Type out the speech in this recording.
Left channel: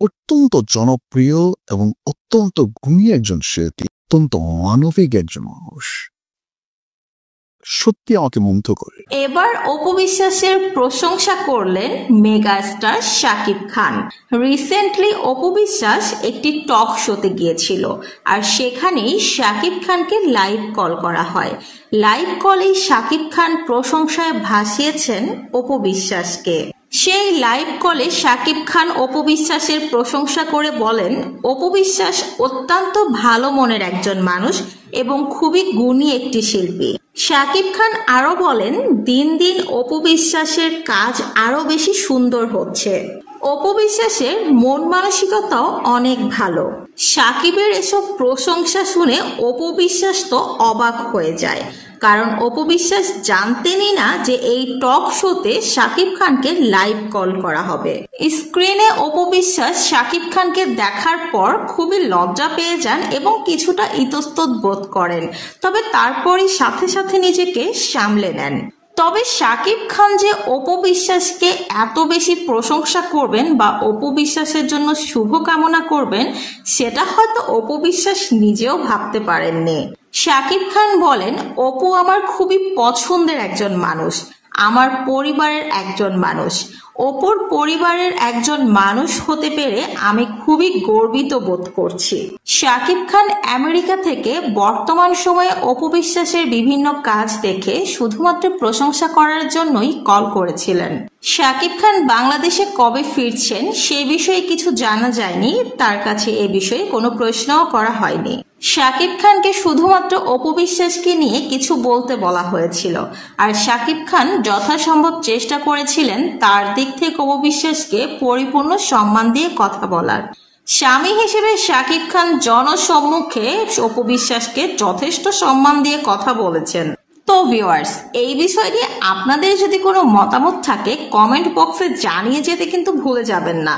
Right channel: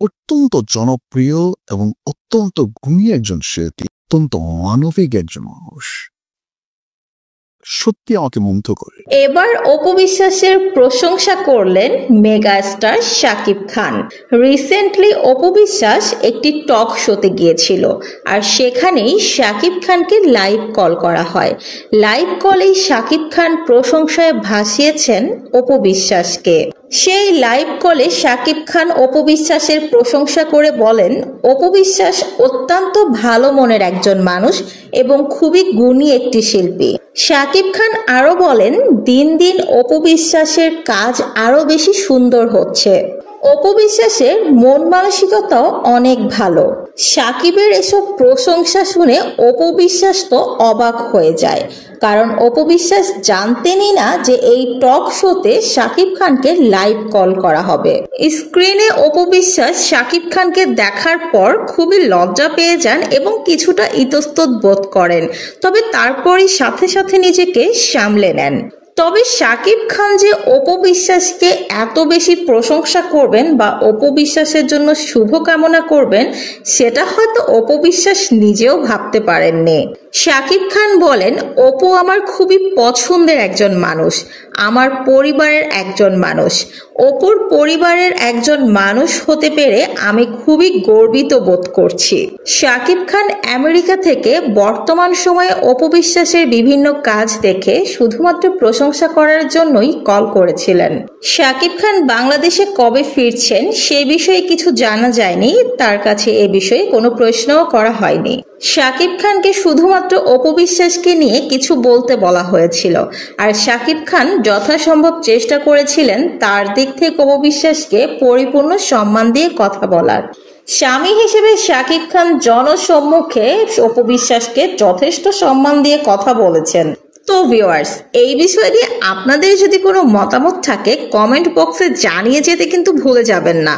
অত্যন্ত জনপ্রিয় এবং অত্যন্ত গুণী একজন শিল্পী, অত্যন্ত মানবিক একজন মানুষ, সত্যি আমাকে মুগ্ধ করে। এবার অপু বিশ্বাসের প্রশংসা করলেন মেগাস্টার শাকিব খান। রিসেন্টলি অপু বিশ্বাস একটি টক শোতে গিয়েছিল, আর সেখানেই শাকিব খানকে লাইভ কল করা হয়। লাইভ কলেই শাকিব খান প্রশংসায় ভাসিয়েছেন অপু বিশ্বাসকে। সেই লাইভ কলে শাকিব খান অপু বিশ্বাসের প্রশংসা করে বলেন, অপু বিশ্বাস অত্যন্ত ভালো মনের একজন মানুষ এবং খুবই গুণী একটি শিল্পী। শাকিব খান আরো বলেন, দিন দিন অপু বিশ্বাসের কাজ আরো বেশি সুন্দর হচ্ছে। অপু বিশ্বাসের মন মানসিকতাও অনেক ভালো। শাকিবের এসব প্রশংসা শুনে অপু বিশ্বাস তো অবাক হয়ে যায়, কারণ অপু বিশ্বাস জানতেনই না যে এই টক শোতে শাকিব খানকে লাইভ কল করা হবে। স্ক্রিনে অপু বিশ্বাস শাকিব খানকে দেখার পর খুবই লজ্জা পেয়ে যান এবং কিছুটা ইতস্তত বোধ করেন, তবে তারপরই সাথে সাথে নিজেকে সামলে নেন। তবে শাকিব খান যে অপু বিশ্বাসকে এত বেশি প্রশংসা করবেন বা অপু বিশ্বাসের জন্য শুভকামনা করবেন, সেটা হয়তো অপু বিশ্বাস নিজেও ভাবতে পারেননি। শাকিব খান বলেন, অপু আমার খুবই পছন্দের একজন মানুষ, আমার পরিবারের একজন মানুষ। অপুর পরিবারের একজন মানুষ হতে পেরে আমি খুবই গর্বিত বোধ করছি। শাকিব খান আমেরিকা থেকে বর্তমান সময়ে অপু বিশ্বাসের বিভিন্ন কাজ দেখে শুধুমাত্র প্রশংসা করার জন্যই কল করেছিলেন। শাকিব খান বাংলাদেশে কবে ফিরছেন সে বিষয়ে কিছু জানা যায়নি, তার কাছে এ বিষয়ে কোনো প্রশ্নও করা হয়নি। শাকিব খানকে শুধুমাত্র অপু বিশ্বাসকে নিয়ে কিছু বলতে বলা হয়েছিল, আর শাকিব খান যথাসম্ভব চেষ্টা করেছিলেন তার দিক থেকে অপু বিশ্বাসকে পরিপূর্ণ সম্মান দিয়ে কথা বলার। স্বামী হিসেবে শাকিব খান জনসম্মুখে অপু বিশ্বাসকে যথেষ্ট সম্মান দিয়ে কথা বলেছেন। তো ভিউয়ার্স, এই বিষয় নিয়ে আপনাদের যদি কোনো মতামত থাকে কমেন্ট বক্সে জানিয়ে যেতে কিন্তু ভুলে যাবেন না।